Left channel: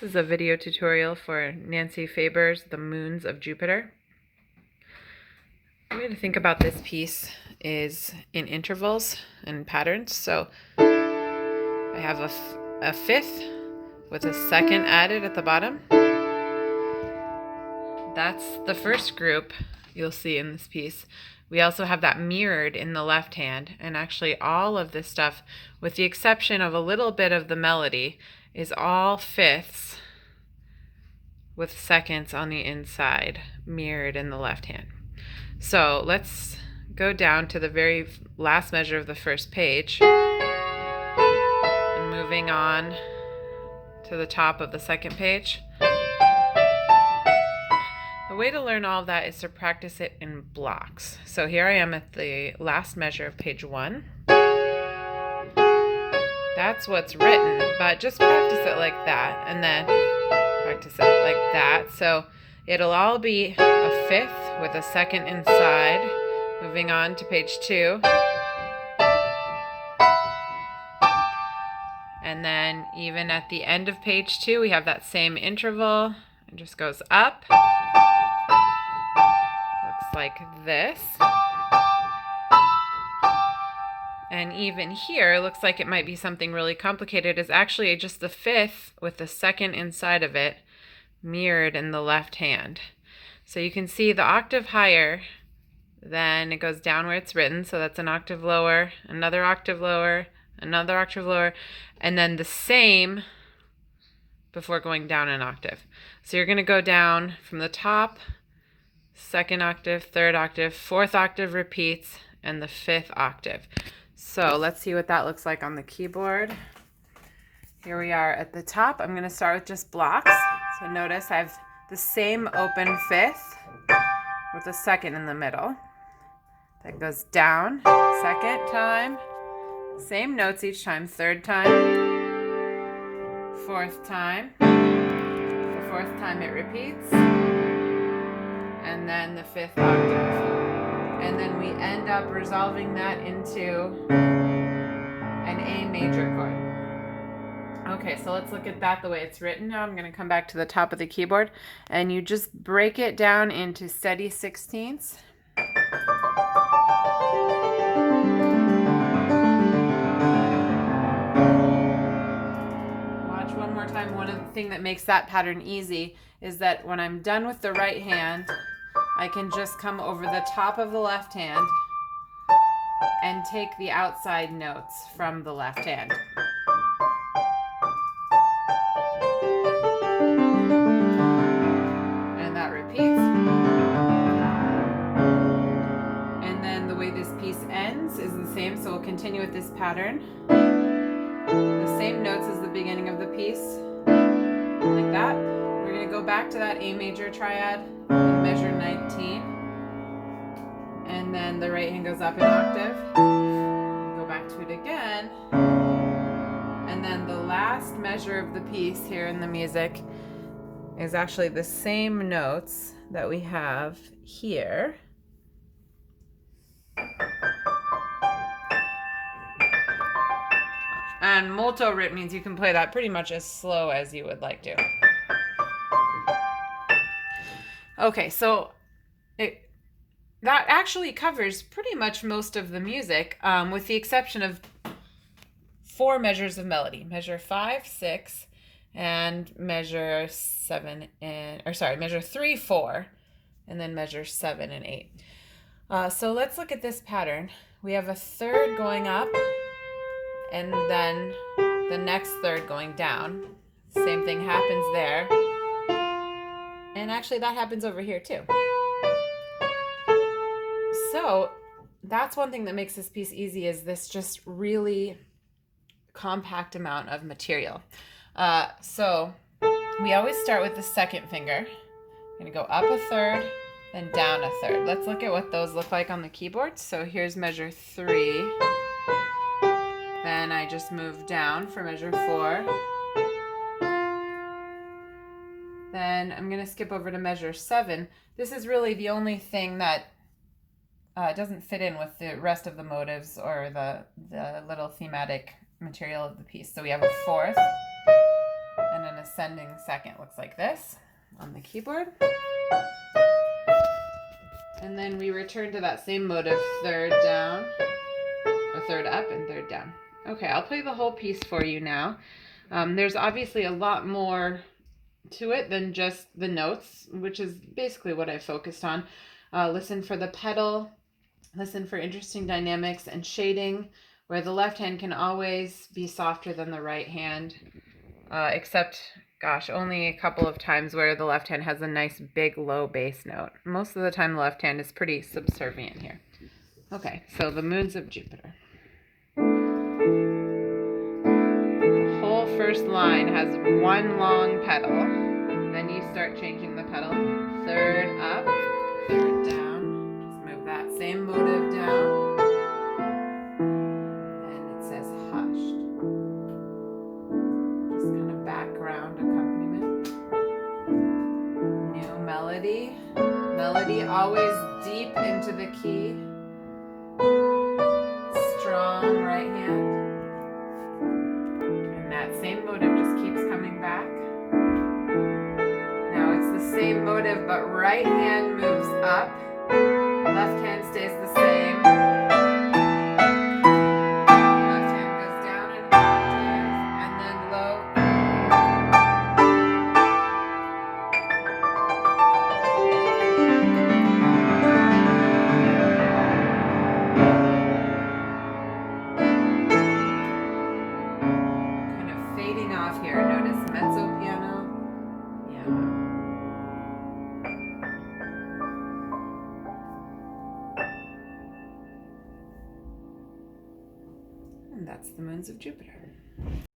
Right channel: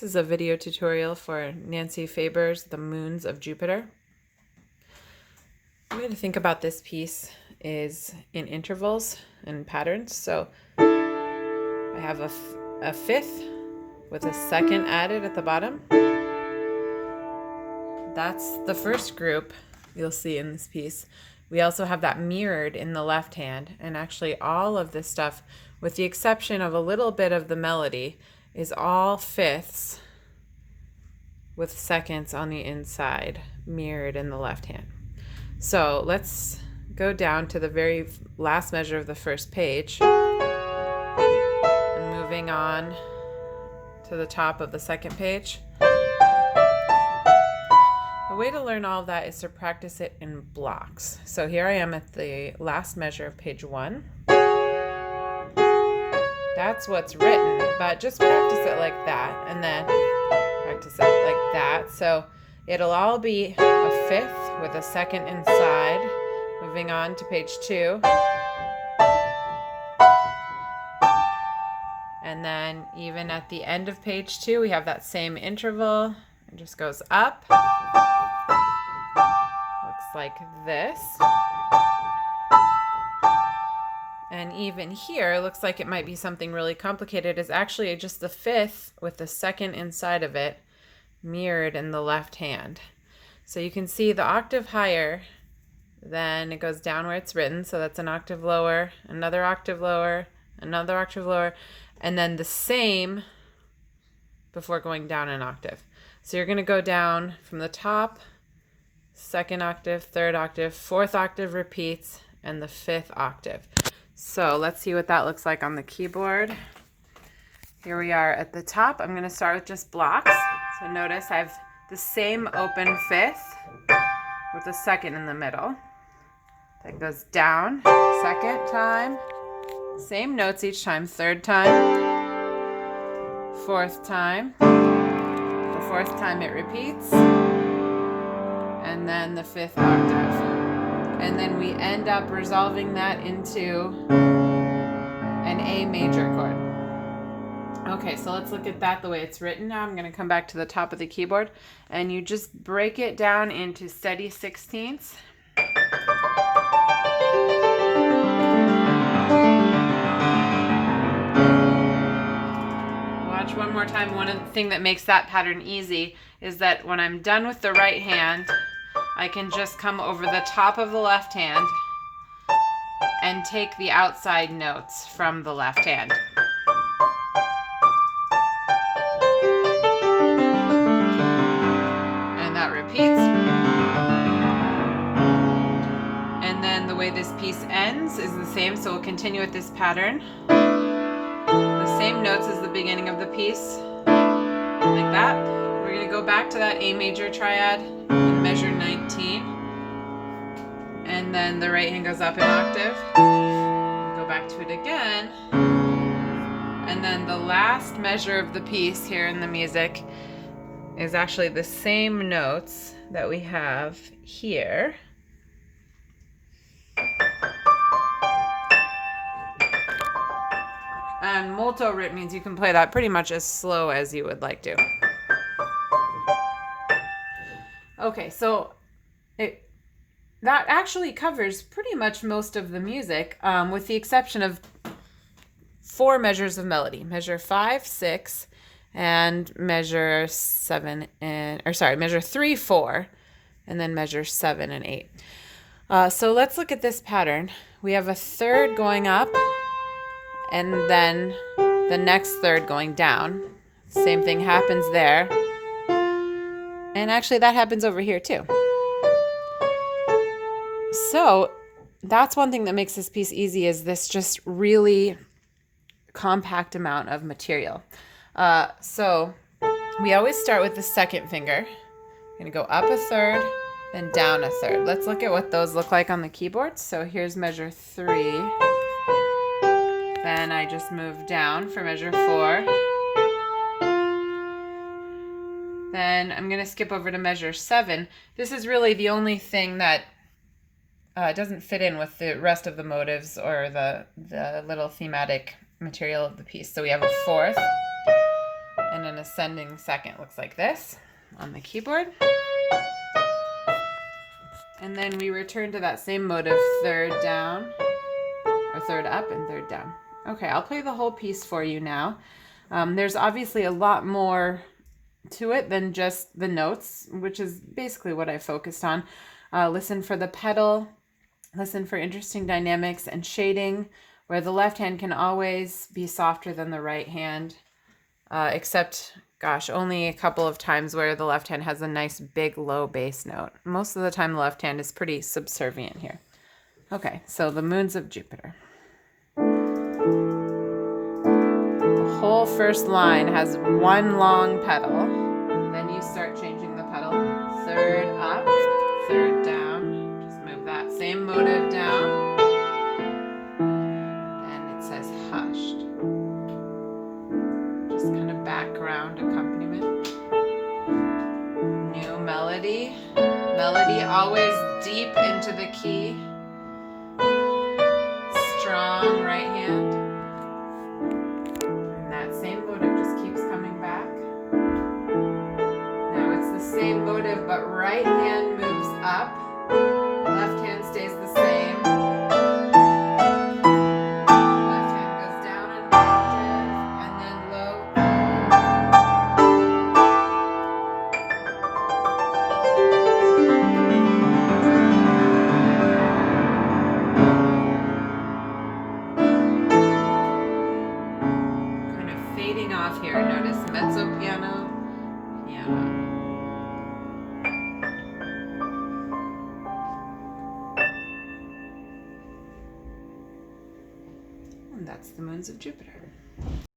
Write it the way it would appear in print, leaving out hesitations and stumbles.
This is a video tutorial for Nancy Faber's The Moons of Jupiter. The way to think about this piece is in intervals and patterns. So I have a fifth with a second added at the bottom. That's the first group you'll see in this piece. We also have that mirrored in the left hand, and actually all of this stuff, with the exception of a little bit of the melody, is all fifths with seconds on the inside, mirrored in the left hand. So let's go down to the very last measure of the first page, and moving on to the top of the second page. The way to learn all of that is to practice it in blocks. So here I am at the last measure of page 1. That's what's written, but just practice it like that, and then practice it like that. So it'll all be a fifth with a second inside. Moving on to page 2. And then even at the end of page 2, we have that same interval. It just goes up. Looks like this. And even here, it looks like it might be something really complicated. It's actually just the fifth with the second inside of it, mirrored in the left hand. So you can see the octave higher, then it goes down where it's written. So that's an octave lower, another octave lower, another octave lower, and then the same before going down an octave. So you're going to go down from the top, second octave, third octave, fourth octave repeats, and the fifth octave. So let's see what that looks like on the keyboard. Here we are at the top. I'm going to start with just blocks. So notice I have the same open fifth with a second in the middle. That goes down, second time, same notes each time, third time, fourth time, the fourth time it repeats, and then the fifth octave. And then we end up resolving that into an A major chord. Okay, so let's look at that the way it's written now. I'm going to come back to the top of the keyboard, and you just break it down into steady sixteenths. Watch one more time. One thing that makes that pattern easy is that when I'm done with the right hand, I can just come over the top of the left hand and take the outside notes from the left hand. And that repeats. And then the way this piece ends is the same, so we'll continue with this pattern. The same notes as the beginning of the piece, like that. We're going to go back to that A major triad and measure 19. And then the right hand goes up an octave. Go back to it again. And then the last measure of the piece here in the music is actually the same notes that we have here. And molto rip means you can play that pretty much as slow as you would like to. Okay, so that actually covers pretty much most of the music, with the exception of 4 measures of melody. Measure 5, 6, and measure 7, measure 3, 4, and then measure 7 and 8. So let's look at this pattern. We have a third going up, and then the next third going down. Same thing happens there. And actually that happens over here too. So that's one thing that makes this piece easy, is this just really compact amount of material. So we always start with the second finger. I'm going to go up a third, then down a third. Let's look at what those look like on the keyboard. So here's measure 3. Then I just move down for measure 4. Then I'm going to skip over to measure 7. This is really the only thing that doesn't fit in with the rest of the motives or the little thematic material of the piece. So we have a fourth, And an ascending second looks like this on the keyboard. And then we return to that same motive, third down, or third up and third down. Okay, I'll play the whole piece for you now. There's obviously a lot more to it than just the notes, which is basically what I focused on. Listen for the pedal, listen for interesting dynamics and shading, where the left hand can always be softer than the right hand, except, gosh, only a couple of times where the left hand has a nice big low bass note. Most of the time the left hand is pretty subservient here. Okay, so the Moons of Jupiter. The whole first line has one long pedal. Then you start changing the pedal. Third up, third down. Just move that same motive down. And it says hushed. Just kind of background accompaniment. New melody. Melody always deep into the key. Strong right hand. And that same motive just keeps coming back. Now it's the same motive, but right hand moves up. Left hand stays the same. Left hand goes down an octave and then low kind of fading off here. Notice mezzo piano, piano. And that's the Moons of Jupiter.